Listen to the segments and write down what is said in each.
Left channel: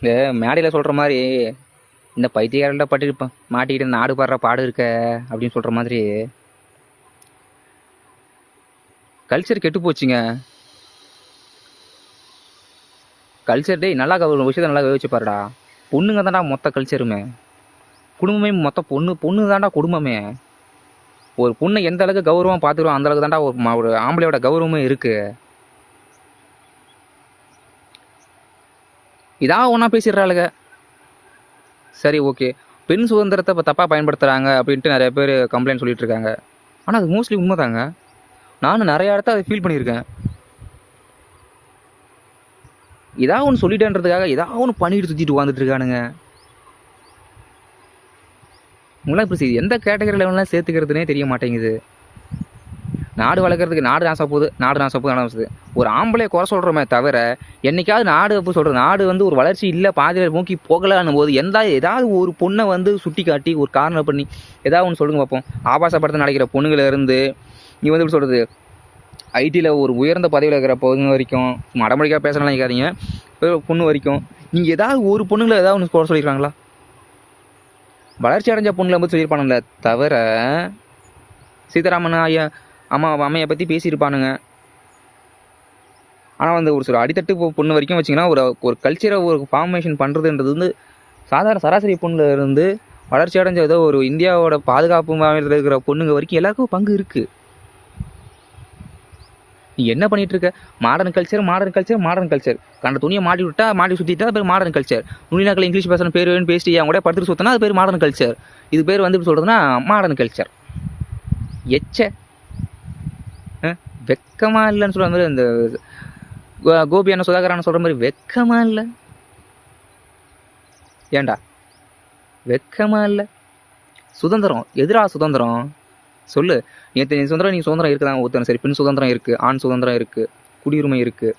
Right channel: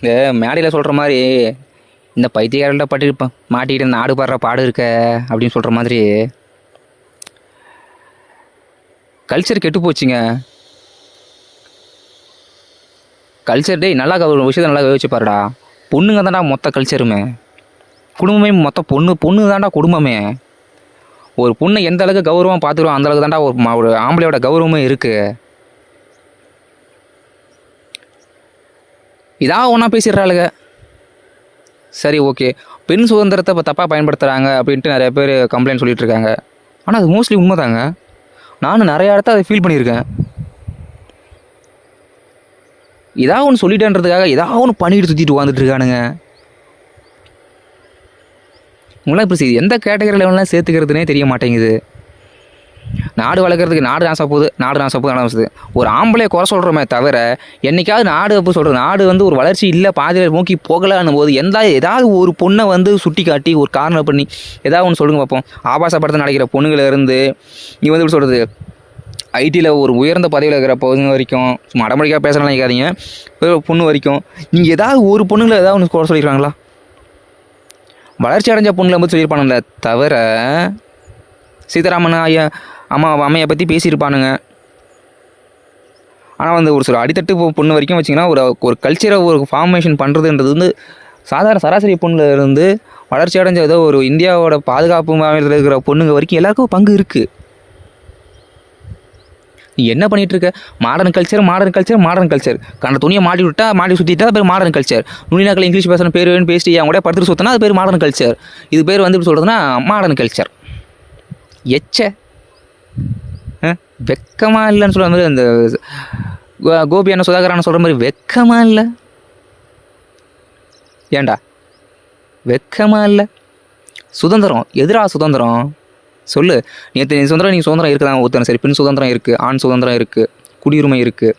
இந்த மேடையில் சொல்கிற மாதிரி இந்த பைத்தியக்காரர்கள பட்டு மாட்டிக்கிட்டு நாடு பாடுற பாடு இருக்க அப்படின்னு சொல்கிற மாதிரி கல்ச்சர் கெட்டு போச்சுங்க. கல்ச்சர் டே நல்லா ஒரு விஷயத்தை நல்லா யோசிச்சு பாருடா. பொண்ணுங்க தான்டா மொத்த கல்ச்சருமே, குடும்பமே மொத்த பொண்ணு தான்டா குடும்பமே. ஒரு பொண்ணை எந்த அளவுக்கு கௌரவம் பார்த்துக்கிறோம் அந்த அளவுக்கு தான்டா ஒரு ஆம்பளையோட கௌரவமே இருக்குது. இதாக ஒன்றா பேசிடுறாளுங்க. சரி ஓகே, பெண் சுதந்திரத்தை இப்போ தப்பாக பயன்படுத்துகிறாங்க அப்படின்ட்டு நிறைய பேர் கம்ப்ளைண்ட் சொல்லிகிட்டு இருக்காங்க. ஆனால் அது மோஸ்ட்லி உண்மை தாங்க. நானும் நிறையா இடத்த அதை ஃபீல் பண்ணியிருக்கேன். ஏதாவது ஒன்று சொல்லிட்டேன்றதுக்காக ஏதாவது ஒன்று பண்ணிட்டு சுற்றிட்டு வந்துட்டு இருக்கானுங்க. உங்களாம் இப்போ எந்த கேட்டகரி லெவலில் சேர்த்துக்கிறதுனே தெரிய மாட்டேங்குது. நாடு வளர்க்குறதுக்கு நாடு நாசம் ஒரு ஆம்பளையை குறை சொல்கிறோமே தவிர என்றைக்காவது நாடு அப்போ சொல்கிற நாடு வந்து ஒரு வளர்ச்சி இல்லை பாதையில் நோக்கி போகலான்னும் போது ஏதாவது ஒரு பொண்ணை வந்து சுட்டி காட்டி ஒரு காரணம் பண்ணி ஏதாவது ஒன்று சொல்லுங்க பார்ப்போம். ஆபாச படத்தை நடக்கிற பொண்ணுகளிலிருந்து நீ வந்து எப்படி சொல்கிறது, ஐடியில் ஒரு உயர்ந்த பதவியில் இருக்கிற பொண்ணு வரைக்கும், சும்மா அடமடிக்காக பேசலாம் நினைக்காதீங்க, பொண்ணு வரைக்கும் நீங்கள் ஏதாவது ஒரு பொண்ணுங்களை ஏதாவது ஒன்று குறை சொல்லியிருக்காங்களா? வளர்ச்சி அடைஞ்ச பொண்ணுங்களை வந்து சொல்லியிருப்பானுங்களே தவிர சீதாராமன் ஐயா அம்மையை பற்றி பேசியிருப்பானுங்க. ஆனால் வந்து ஒரு சில அடித்தட்டு பொண்ணு வரைக்கும் வச்சிங்கன்னா ஒரு கல்ச்சரை ஒரு ஃபார்மேஷன் பண்ணுறதுன்றது வந்து சராசரி பொண்ணில் இருந்து வளர்ச்சி அடைஞ்ச ஏதோ ஒரு இந்தியாவோட பாதுகாப்பு மாநிலத்தில் இருக்கிற பொண்ணுங்க வரைக்கும் எல்லாருக்கும் பங்கு இருக்குது. நீ என்ன பண்ணிகிட்ருக்க? மாடர்ன் கல்ச்சர் கண்ட துணியை மாட்டி சுற்றிட்டா அது பேர் மாடர்ன் கல்ச்சர். நுனிநாக்கில் இங்கிலீஷ் பேசுகிற பேர் பேசிட்டு அவங்க கூட படுத்துட்டு சுற்றினா அது பேர் மாடர்ன் கல்ச்சர். இது பேர் வந்து இப்படி சொல்கிறதுனா மாடர்ன் கல்ச்சர். வெக்கமாக இல்லைன்னு சொல்கிற மாதிரி அந்த கோபியான சுதாகரான சொல்கிற மாதிரி வெக்கமாக இல்லை. ஏண்டா வெக்கமாக இல்லை? சுதந்திரம் எதிரா சுதந்திரம் சொல்லு. நீ சுதந்திரம் இருக்குதான் ஒத்துறேன். சரி, பெண் சுதந்திரம் இருக்குது, ஆண் சுதந்திரம் இருக்குது, குடியுரிமை இருக்குது,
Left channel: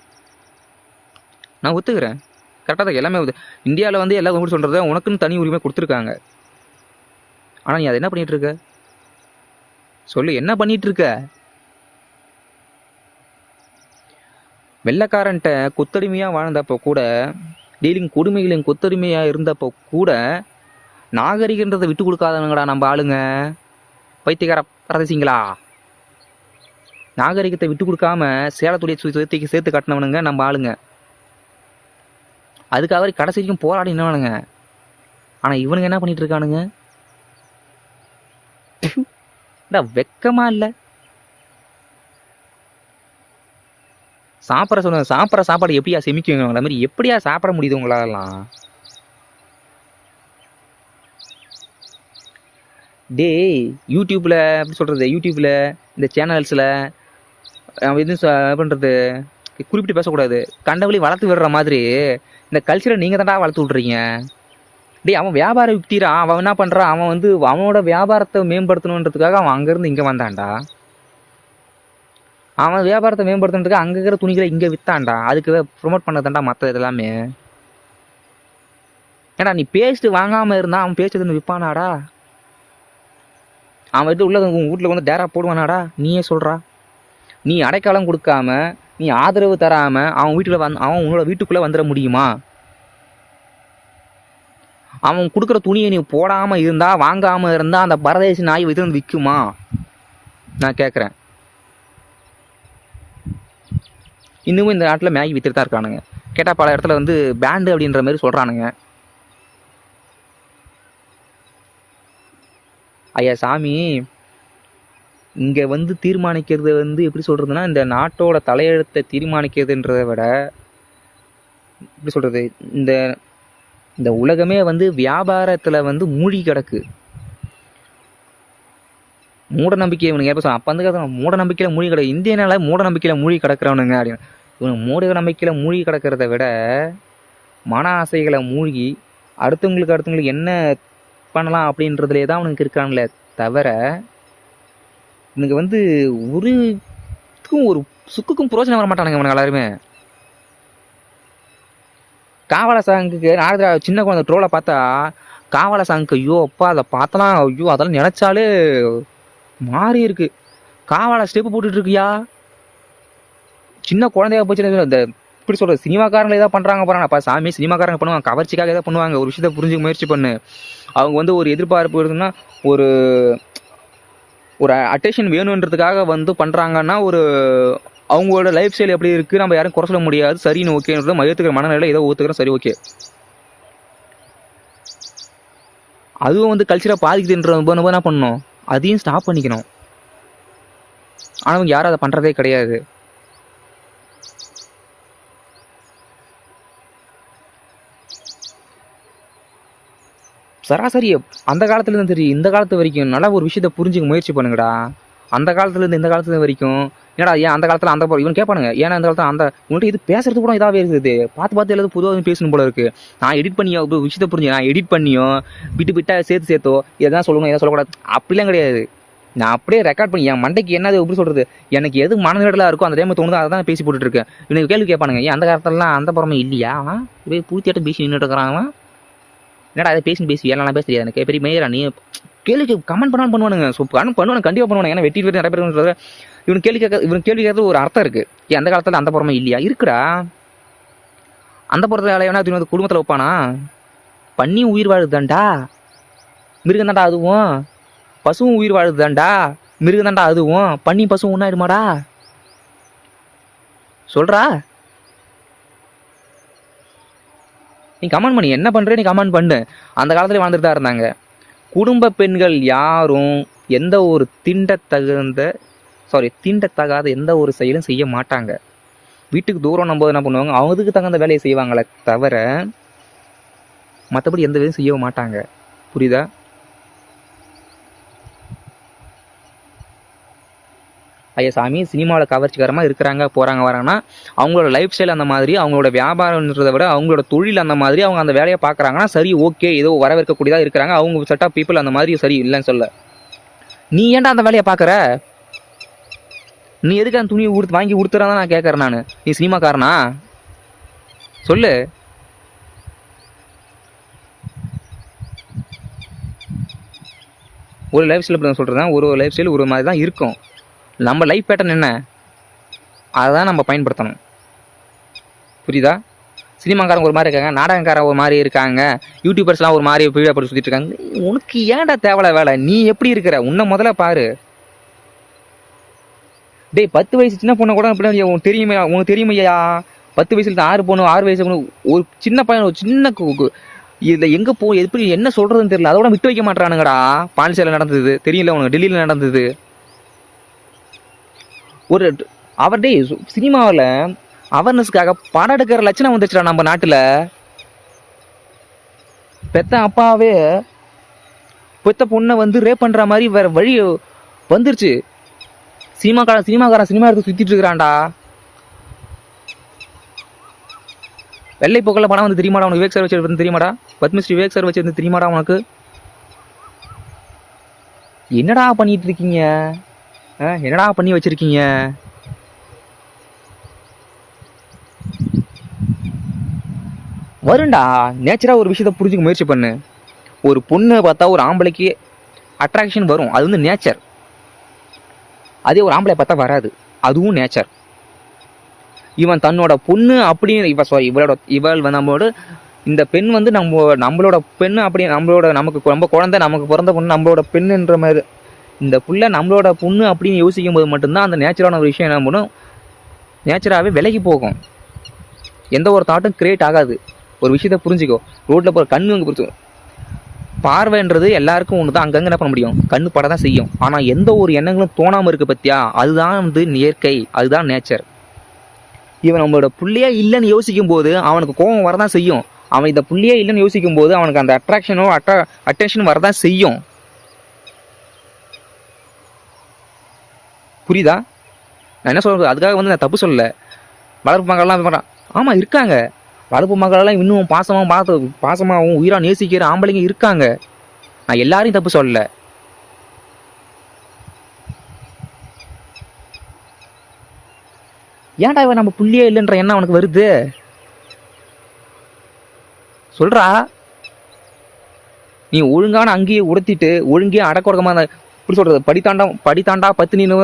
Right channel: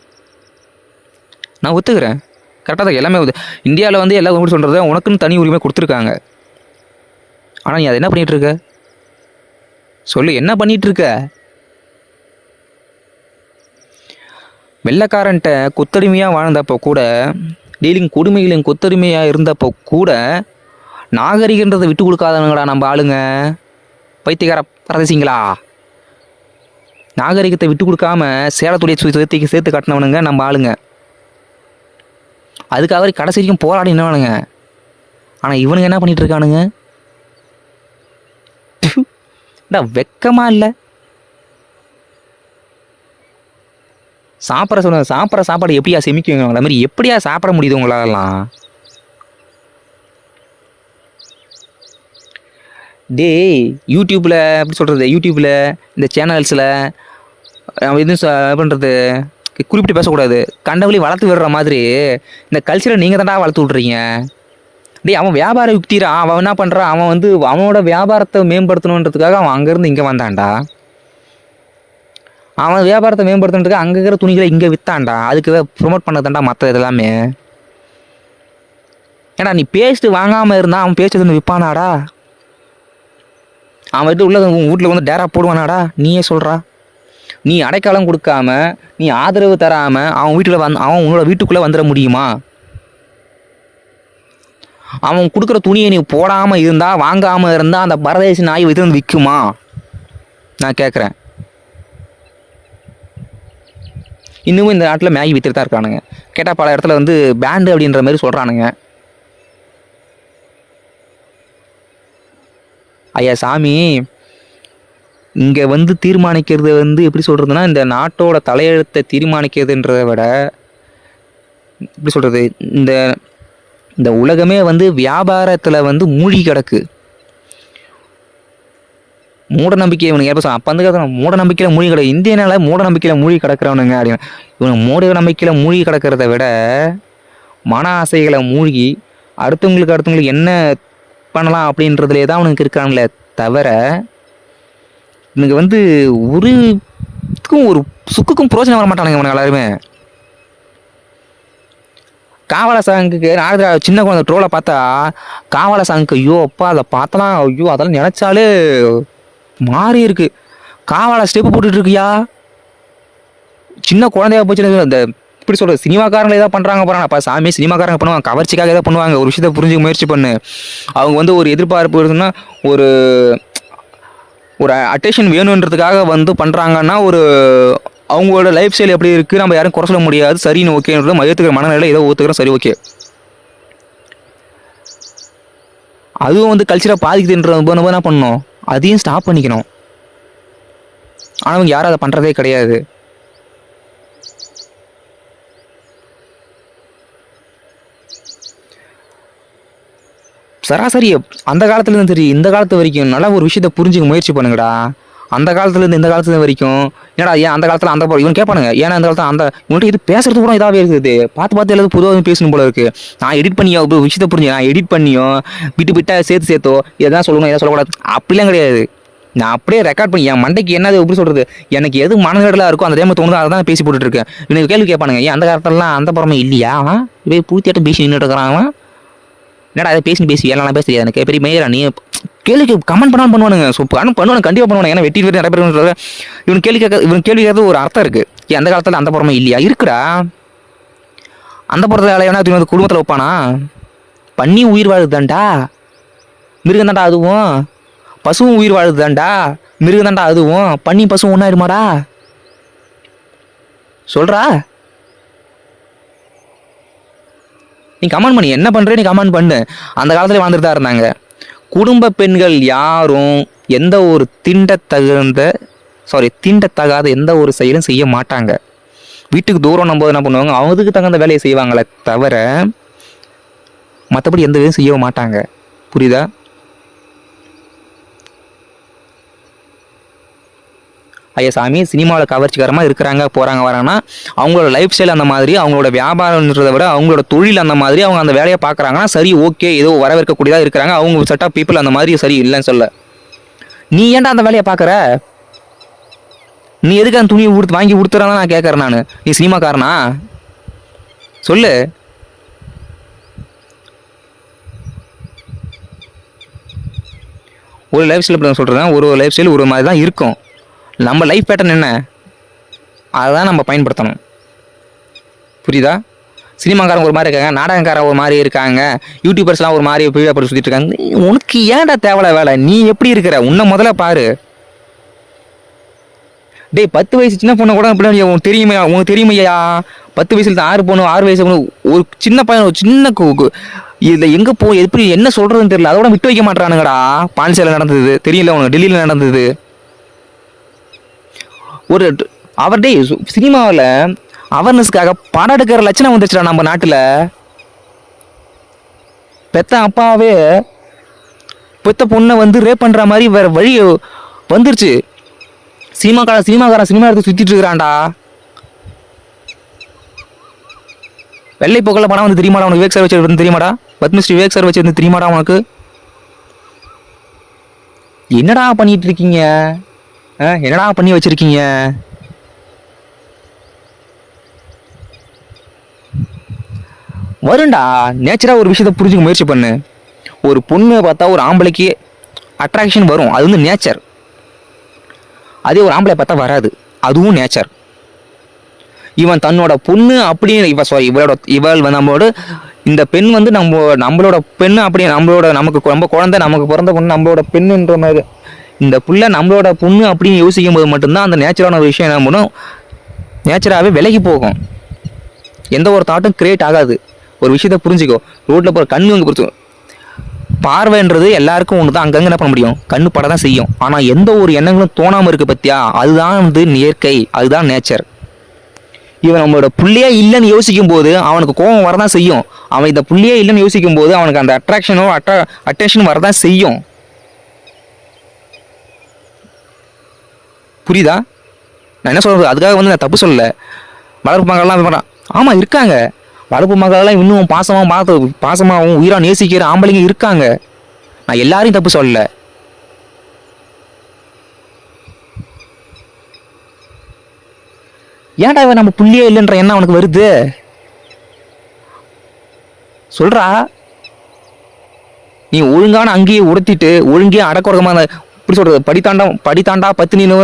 நான் ஒத்துக்கிறேன். கரெக்டாக தான் எல்லாமே இந்தியாவில் வந்து எல்லாம் எப்படி சொல்கிறது, உனக்குன்னு தனி உரிமை கொடுத்துருக்காங்க. ஆனால் நீ அதை என்ன பண்ணிகிட்ருக்க சொல்லு, என்ன பண்ணிகிட்ருக்க? வெள்ளைக்காரன்ட்ட கொத்தடிமையாக வாழ்ந்தப்போ கூட, கொடுமைகளையும் கொத்தடிமையாக இருந்தப்போ கூட நாகரிகன்றதை விட்டு கொடுக்காதவங்கடா நம்ம ஆளுங்க. பைத்தியக்கார பரதேசிங்களா, நாகரிகத்தை விட்டு கொடுக்காம சேலத்துடைய சேர்த்து காட்டினவனுங்க நம்ம ஆளுங்க. அதுக்கு அவர் கடைசி வரைக்கும் போராடினவனுங்க. ஆனால் இவனுங்க என்ன பண்ணிட்டு இருக்கானுங்க? வெக்கமா இல்லை? சாப்பிட்ற சாப்பாடு எப்படியா செமிக்குவீங்க? அந்த மாதிரி எப்படியா சாப்பிட முடியுது உங்களாலாம்? யூடியூப்பில் எப்படி சொல்கிறது, யூடியூப்பில் இந்த சேனல்ஸில் எதுவும் பண்ணுறது குறிப்பிட்டு பேசக்கூடாது. கண்டவழி வளர்த்து விடுற மாதிரி இந்த கல்ச்சரை நீங்கள் தான்டா வளர்த்து விட்றீங்க. அவன் வியாபார யுக்திரா. அவன் என்ன பண்ணுறான், அவன் வந்து அவனோட வியாபாரத்தை மேம்படுத்தணுன்றதுக்காக அவன் அங்கேருந்து இங்கே வந்தான்டா. அவன் வியாபாரத்தை மேம்படுத்துறதுக்கு அங்கே இருக்கிற துணிகளை இங்கே விற்றான்டா. அதுக்கு ப்ரொமோட் பண்ணதான்டா மற்ற இதெல்லாமே. ஏன்னா நீ பேஸ்ட்டு வாங்காமல் இருந்தால் அவன் பேஸ்ட்டு வந்து விற்பானாடா? அவன் வீட்டு வீட்டில் வந்து டேரா போடுவானாடா? நீயே சொல்கிறா. நீ அடைக்காலம் கொடுக்காம, நீ ஆதரவு தராமல் அவன் அவன் உன்னோட வீட்டுக்குள்ளே வந்துட முடியுமா? அவன் கொடுக்குற துணியை நீ போடாமல் இருந்தால், வாங்காமல் இருந்தால் அந்த பரதேசி நாய் வைத்து வந்து விற்குமா? நான் கேட்குறேன். இன்னமும் இந்த நாட்டில் மேகி விற்றுட்டு தான் இருக்கானுங்க. கேட்டால் பல இடத்துல வந்து பேண்டு அப்படின்ற மாதிரி சொல்கிறானுங்க. ஐயா சாமி, இங்கே வந்து தீர்மானிக்கிறது வந்து எப்படி சொல்கிறதுனா, இந்த நாட்டோட தலையெழுத்தை தீர்மானிக்கிறதுன்றதை விட எப்படி சொல்கிறது, இந்த இந்த உலகமே வந்து வியாபாரத்தில் வந்து மூழ்கி கிடக்கு. மூட நம்பிக்கை இவனுக்கு எப்போ அப்போ வந்து மூட நம்பிக்கையில் மூழ்கி கிடக்கு. இந்தியனால மூட நம்பிக்கையில் மூழ்கி கிடக்கிறவனுங்க அப்படின்னு. இவனுக்கு மூட நம்பிக்கையில் மூழ்கி கிடக்கிறத விட மன ஆசைகளை மூழ்கி அடுத்தவங்களுக்கு என்ன பண்ணலாம் அப்படின்றதுலே தான் அவனுக்கு இருக்காங்களே தவிர இவனுக்கு வந்து ஒரு சுக்குக்கும் பிரோஜனம் வர மாட்டானுங்க இவனுக்கு எல்லாருமே. காவல சாங்குக்கு சின்ன குழந்தை ட்ரோலை பார்த்தா காவல சாங்குக்கு ஐயோ அப்பா அதை பார்த்தலாம், ஐயோ அதெல்லாம் நினைச்சாலே மாறி இருக்கு. காவல ஸ்டெப்பு போட்டுட்டு இருக்கியா? சின்ன குழந்தையா போச்சு. அந்த இப்படி சொல்கிறது சினிமாக்காரங்க ஏதாவது பண்ணுறாங்க போகிறாங்க அப்போ சாமி சினிமாக்காரங்க பண்ணுவாங்க, கவர்ச்சிக்காக ஏதாவது பண்ணுவாங்க. ஒரு விஷயத்தை புரிஞ்சுக்க முயற்சி பண்ணு. அவங்க வந்து ஒரு எதிர்பார்ப்பு இருக்குன்னா ஒரு ஒரு அட்டென்ஷன் வேணுன்றதுக்காக வந்து பண்ணுறாங்கன்னா ஒரு அவங்களோட லைஃப் ஸ்டைல் எப்படி இருக்குது நம்ம யாரும் குறை சொல்ல முடியாது. சரின்னு ஓகேன்றது ஏற்றுக்கிற மனநிலை ஏதோ ஒத்துக்கிறோம், சரி ஓகே. அதுவும் வந்து கல்ச்சராக பாதிக்குதுன்றது நம்ம என்ன பண்ணணும், அதையும் ஸ்டாப் பண்ணிக்கணும். ஆனால் அவங்க யாரும் அதை பண்ணுறதே கிடையாது. சராசரி அந்த காலத்துலேருந்து சரி இந்த காலத்து வரைக்கும் நல்லா ஒரு விஷயத்தை புரிஞ்சுக்க முயற்சி பண்ணுங்கடா. அந்த காலத்துலேருந்து இந்த காலத்துல வரைக்கும் ஏன்னா ஏன் அந்த காலத்தில் அந்த இவன் கேட்பானுங்க, ஏன்னா அந்த காலத்தில் அந்த உங்கள்கிட்ட இது பேசுறது கூட இதாகவே இருக்குது, பார்த்து எல்லாரும் பொதுவாக பேசணும் போல இருக்குது. நான் எடிட் பண்ணியோ ஒரு விஷயத்தை புரிஞ்சு நான் எடிட் பண்ணியோ விட்டு சேர்த்தோ எதாவது சொல்லணும் எதாவது சொல்லக்கூடாது அப்படிலாம் கிடையாது. நான் அப்படியே ரெக்கார்ட் பண்ணி என் மண்டைக்கு என்னது எப்படி சொல்கிறது, எனக்கு எது மனநடலாக இருக்கோ அந்த டைம் தோணுதோ அதை தான் பேசி போட்டுட்ருக்கேன். எனக்கு கேள்வி கேட்பானுங்க, ஏன் அந்த காலத்துலலாம் அந்த புறமே இல்லையா, இவே பூத்தியாட்டம் பேசி நின்றுட்டு இருக்கிறாங்க, என்னடா அதை பேசி எல்லாம் பேச தெரியாது எனக்கு பெரிய மேயரா நீ கேள்வி கமெண்ட் பண்ணுவானுங்க. ஸோ பண்ணுவானுங்க கண்டிப்பாக பண்ணுவானுங்க. ஏன்னா வெட்டி நிறைய பேர் இவன் கேள்வி கேட்கறது ஒரு அர்த்தம் இருக்குது. அந்த காலத்தில் அந்த புறமே இல்லையா, இருக்குடா. அந்த புறத்தில் வேலையான குடும்பத்தில் வைப்பானா, பண்ணி உயிர் வாழுதுதான்டா, மிருகம் தாண்டா அதுவும், பசுவும் உயிர் வாழுதுதான்டா, மிருகம் தாண்டா அதுவும், பண்ணி பசுவும் ஒன்றாயிருமாடா சொல்கிறா. நீ கமெண்ட் பண்ணி என்ன பண்ணுற, நீ கமெண்ட் பண்ணு. அந்த காலத்துல வாழ்ந்துட்டு தான் இருந்தாங்க. குடும்ப பெண்கள் யாரும் எந்த ஒரு தீண்டத்தகாத எந்த ஒரு செயலும் செய்ய மாட்டாங்க. வீட்டுக்கு தூரம் நம்ம என்ன பண்ணுவாங்க, அவங்களுக்கு தகுந்த வேலையை செய்வாங்களே தவிர மற்றபடி எந்த வேலையும் செய்ய மாட்டாங்க. புரியுதா? ஐயா சாமி சினிமாவில் கவர்ச்சிகரமாக இருக்கிறாங்க போகிறாங்க வராங்கன்னா அவங்களோட லைஃப் ஸ்டைல் அந்த மாதிரி, அவங்களோட வியாபாரம்ன்றதை விட அவங்களோட தொழில் அந்த மாதிரி அவங்க அந்த வேலையை பார்க்குறாங்கன்னா சரி ஓகே, ஏதோ வரவேற்கக்கூடியதாக இருக்கிறாங்க. அவங்க செட் ஆஃப் பீப்புள் அந்த மாதிரி சரி இல்லைன்னு சொல்ல. நீ ஏன்டா அந்த வேலையை பார்க்குற, நீ எதுக்கு அந்த துணியை வாங்கி கொடுத்துறான்னு நான் கேட்குறேன். நான் நீ சினிமாக்காரனா சொல்லு. ஒரு லைஃப் ஸ்டைல் இப்படி சொல்கிறேன், ஒரு லைஃப் ஸ்டைல் ஒரு மாதிரி தான் இருக்கும். நம்ம லைஃப் பேட்டர்ன் என்ன அதுதான் நம்ம பயன்படுத்தணும். புரியுதா? சினிமாக்காரங்க ஒரு மாதிரி இருக்காங்க, நாடகக்காரங்க ஒரு மாதிரி இருக்காங்க, யூடியூபர்ஸ்லாம் ஒரு மாதிரி பீழப்பட்டு சுற்றிட்டு இருக்காங்க. உனக்கு ஏன்டா தேவையில்ல வேலை, நீ எப்படி இருக்கிற உன்னை முதல்ல பாரு. டேய் 10 வயசு சின்ன பொண்ணு கூட அப்படி உனக்கு தெரியுமையா 10 வயசுல தான் 6 வயசு பொண்ணு ஒரு சின்ன பையன் ஒரு சின்ன இதில் எங்கே எப்படி என்ன சொல்கிறதுன்னு தெரியல. அதோட விட்டு வைக்க மாட்டானுங்கடா. பாண்டிச்சேரியில் நடந்தது தெரியல உனக்கு, டெல்லியில் நடந்தது. ஒரு அவர்டே சினிமாவில் அவேர்னஸ்க்காக படம் எடுக்கிற லட்சணம் வந்துச்சுடா நம்ம நாட்டில். பெத்த அப்பாவே பெத்த பொண்ணை வந்து ரேப் பண்ணுற மாதிரி வேற வழி வந்துருச்சு. சினிமாக்காரன் சினிமா எடுத்து சுற்றிட்டு இருக்கிறான்டா. வெள்ளை போக்கில் படம் வந்து தெரியுமாடா உனக்கு, விவேக் சார் வச்சு தெரியுமாடா, பத்மஸ்ரீ விவேக் சார் வச்சு தெரியுமாடா உனக்கு? என்னடா பண்ணிட்டு இருக்கீங்க, என்னடா பண்ணி வச்சிருக்கீங்க? வருண்டா நேச்சராக ஒரு விஷயத்தை புரிஞ்சுக்க முயற்சி பண்ணு. ஒரு பொண்ணை பார்த்தா ஒரு ஆம்பளைக்கு அட்ராக்ஷன் வரும், அது வந்து நேச்சர். அதே ஒரு ஆம்பளை பார்த்தா வராது, அதுவும் நேச்சர். இவன் தன்னோட பொண்ணு அப்படின்னு இவள் நம்மளோட இந்த பெண் வந்து நம்மளோட பெண்ணு அப்படி நமக்கு ரொம்ப குழந்தை, நமக்கு பிறந்த பொண்ணு நம்மளோட பெண்ணுன்ற மாதிரி இந்த புள்ள நம்மளோட பொண்ணு அப்படின்னு யோசிக்கும் போது மட்டும்தான் அந்த நேச்சரான ஒரு விஷயம் என்ன பண்ணும், நேச்சராகவே விலகி போகும். எந்த ஒரு தாட்டும் கிரியேட் ஆகாது. ஒரு விஷயத்த புரிஞ்சுக்கோ, ரோட்டில் போகிற கண்ணு அங்கே பிடிச்சோம். பார்வைன்றது எல்லாருக்கும் ஒன்று தான், அங்கங்கே என்ன பண்ண முடியும், கண்ணு பட தான் செய்யும். ஆனால் எந்த ஒரு எண்ணங்களும் தோணாமல் இருக்குது பற்றியா, அதுதான் வந்து இயற்கை, அதுதான் நேச்சர். இவன் நம்மளோட புள்ளையே இல்லைன்னு யோசிக்கும் போது அவனுக்கு கோபம் வரதான் செய்யும். அவன் இந்த புள்ளையே இல்லைன்னு யோசிக்கும் போது அவனுக்கு அந்த அட்டென்ஷனும் வரதான் செய்யும். புரியுதா நான் என்ன சொல்கிறது? அதுக்காக வந்து நான் தப்பு சொல்லலை. வளர்ப்பு மகள்லாம் ஆமாம் இருக்காங்க, வளர்ப்பு மகளெல்லாம் இன்னும் பாசமாகவும் உயிராக நேசிக்கிற ஆம்பளைங்க இருக்காங்க. நான் எல்லாரையும் தப்பு சொல்லலை. ஏன்டா இவன் நம்ம புள்ளியே இல்லைன்ற எண்ணம் அவனுக்கு வருது சொல்றா. நீ ஒழுங்கான அங்கேயே உடுத்திட்டு ஒழுங்கே அடக்குறதமான இப்படி சொல்றது படித்தாண்டா பத்தினின்னு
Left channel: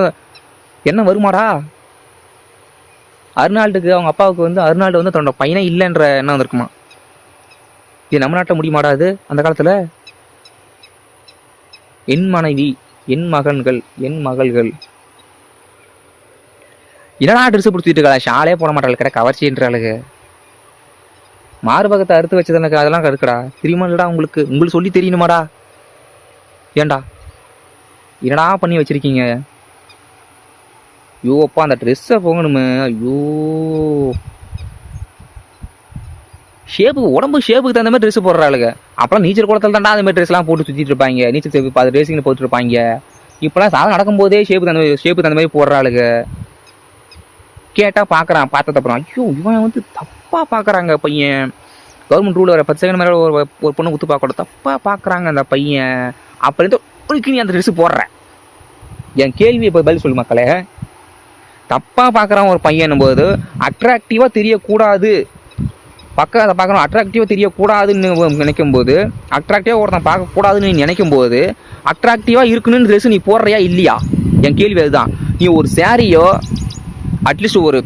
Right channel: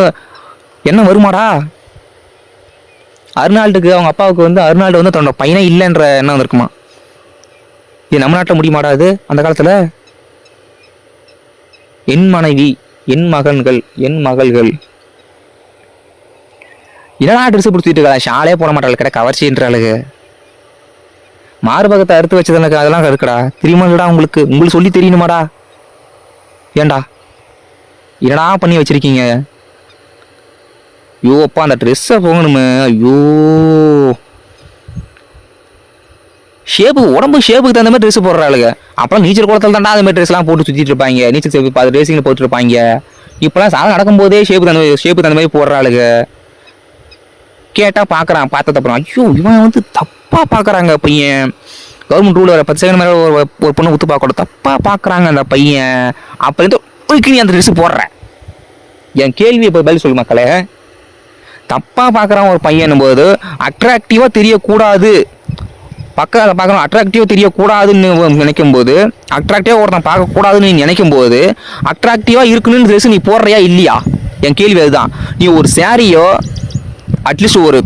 என்ன வருமாடா? அர்னால்டுக்கு அவங்க அப்பாவுக்கு வந்து அர்னால்டு வந்து தன்னோட பையனே இல்லைன்ற எண்ணம் வந்திருக்குமா. இது நம்ம நாட்டில் முடியுமாடா அது அந்த காலத்தில்? என் மனைவி, என் மகன்கள், என் மகள்கள் என்னடா ட்ரெஸ் பிடிச்சிட்டு இருக்கா, ஷாலே போட மாட்டாள் கிட்ட கவர்ச்சின்றாளுங்க. மார்பகத்தை அறுத்து வச்சதுனுக்கு அதெல்லாம் இருக்குடா, தெரியுமாடா உங்களுக்கு? உங்களுக்கு சொல்லி தெரியணுமாடா? ஏண்டா என்னடா பண்ணி வச்சிருக்கீங்க? ஐயோ அப்பா அந்த ட்ரெஸ்ஸை போகணுமே. ஐயோ உடம்பு ஷேப்புக்கு தகுந்த மாதிரி ட்ரெஸ் போடுறாளுங்க. அப்பெல்லாம் நீச்சல் குளத்தில் தாண்டா அந்த மாதிரி ட்ரெஸ்லாம் போட்டு சுற்றிட்டு இருப்பாங்க, நீச்சல் சேப்பு அது ரேசிங்கில் போட்டுருப்பாங்க. இப்போலாம் சாதம் நடக்கும்போதே ஷேப்பு தகுந்த மாதிரி போடுறாளுங்க. கேட்டால் பார்க்குறான், பார்த்தது ஐயோ இவன் வந்து தப்பாக பார்க்குறாங்க பையன். கவர்மெண்ட் ரூல் வர 10 செகண்ட் மேலே ஒரு பொண்ணு ஊற்று பார்க்கணும், தப்பாக பார்க்குறாங்க அந்த பையன். அப்போ இருந்து நீ அந்த ட்ரெஸ்ஸு போடுற. என் கேள்வி இப்போ பதில் சொல்லு மக்களே. தப்பாக பார்க்குறான் ஒரு பையன் போது அட்ராக்டிவாக தெரியக்கூடாது, பக்கத்தில் பார்க்கணும் அட்ராக்டிவாக தெரியக்கூடாதுன்னு நினைக்கும் போது, அட்ராக்டிவாக ஒருத்தன் பார்க்கக்கூடாதுன்னு நீ நினைக்கும் போது அட்ராக்டிவாக இருக்கணும்னு ட்ரெஸ் நீ போடுறியா இல்லையா? என் கேள்வி அதுதான். நீ ஒரு சாரியோ அட்லீஸ்ட் ஒரு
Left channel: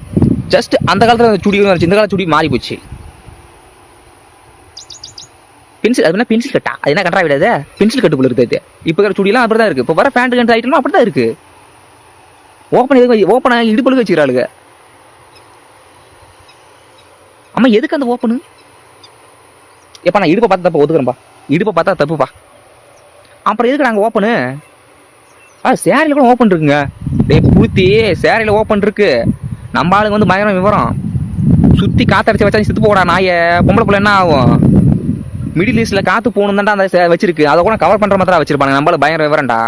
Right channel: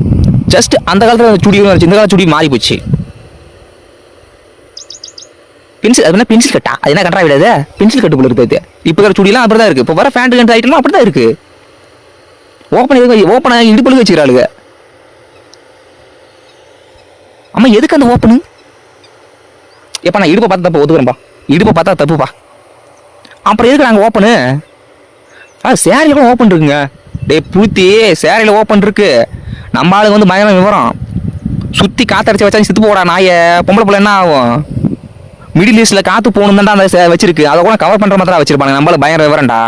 ஜஸ்ட் அந்த காலத்தில் சுடி இந்த காலத்தில் சுடி மாறி போச்சு. பென்சில் அது என்ன பென்சில் கட்டா, அது என்ன கட்டா விடாது, பென்சில் கட்டு போல இருக்குது. இப்போ வர சுடிலாம் அப்படி தான் இருக்குது. இப்போ வர ஃபேண்ட் கண்ட் ஐட்டம்லாம் அப்படி தான் இருக்குது. ஓப்பன் ஆகி இடுப்பழுக வச்சுக்கிறாளுங்க. அம்மா எதுக்கு அந்த ஓப்பனு? எப்போ நான் இடுப்பை பார்த்தா தப்பு ஒத்துக்கிறேன்ப்பா, இடுப்பை பார்த்தா தப்புப்பா. அப்புறம் எதுக்கு நாங்கள் ஓப்பனு? சேரீல கூட ஓப்பன் இருக்குங்க. டே பூத்தி சேரீல ஓப்பன் இருக்கு. நம்ம ஆளுங்க வந்து பயங்கர விவரம். சுற்றி காற்றடிச்சு வச்சா செத்து போடா நாயை. பொம்பளை பிள்ளை என்ன ஆகும்? மிடில் ஈஸ்டில் காற்று போகணும் தான் அந்த வச்சிருக்கு. அதை கூட கவர் பண்ணுற மாதிரி தான் வச்சிருப்பாங்க. நம்மளால பயங்கர விவரம்டா.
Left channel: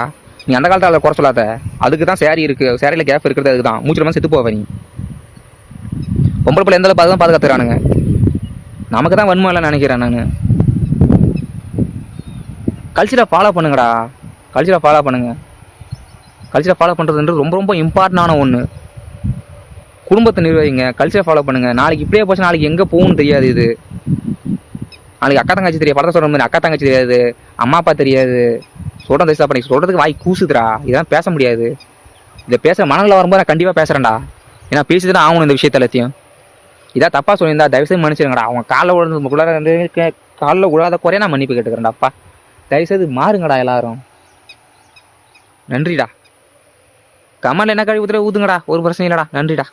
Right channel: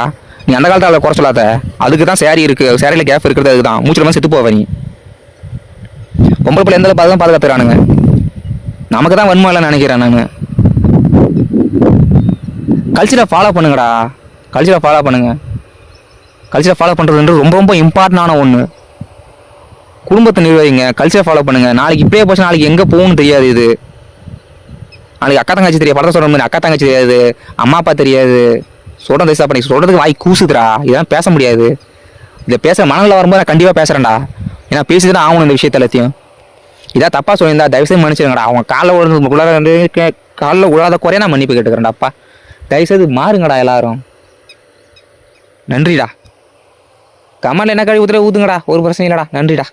நீ அந்த காலத்தில் அதை குறை சொல்லாத. அதுக்கு தான் சேரீ இருக்குது, சேரீல கேப் இருக்கிறது அதுக்கு தான். மூச்சில் மாதிரி செத்து போவ நீ. பொம்பளை பிள்ளை எந்த அளவுக்கு பாதுகாத்துறானுங்க. நமக்கு தான் வன்மை இல்லைன்னு நினைக்கிறேன் நான். கல்ச்சரை ஃபாலோ பண்ணுங்கடா, கல்ச்சரை ஃபாலோ பண்ணுங்க. கல்ச்சரை ஃபாலோ பண்ணுறதுன்றது ரொம்ப ரொம்ப இம்பார்ட்டண்டான ஒன்று. குடும்பத்தை நிர்வகிங்க, கல்ச்சரை ஃபாலோ பண்ணுங்க. நாளைக்கு இப்படியே போச்சு, நாளைக்கு எங்கே போகணும்னு தெரியாது. இது நாளைக்கு அக்கா தங்கச்சி தெரியாது, படத்தை சொல்கிற மாதிரி அக்கா தங்கச்சி தெரியாது, அம்மா அப்பா தெரியாது. சொல்கிறேன் தயசா பண்ணி சொல்கிறதுக்கு வாய் கூசுதுடா. இதெல்லாம் பேச முடியாது. இதை பேச மனநிலை வரும்போது நான் கண்டிப்பாக பேசுகிறேன்டா. ஏன்னா பேசிட்டு தான் ஆகணும் இந்த விஷயத்த எல்லாத்தையும். இதான் தப்பாக சொல்லியிருந்தா தயவுசெய்து மன்னிச்சிருங்கடா. அவங்க காலில் விழாத குறைய நான் மன்னிப்பு கேட்டுக்கிறேன்டாப்பா. தயவுசெய்து மாறுங்கடா எல்லாரும். நன்றிடா. கமலில் என்ன கழுவி ஊற்றுல ஊற்றுங்கடா, ஒரு பிரச்சனை இல்லைடா. நன்றிடா.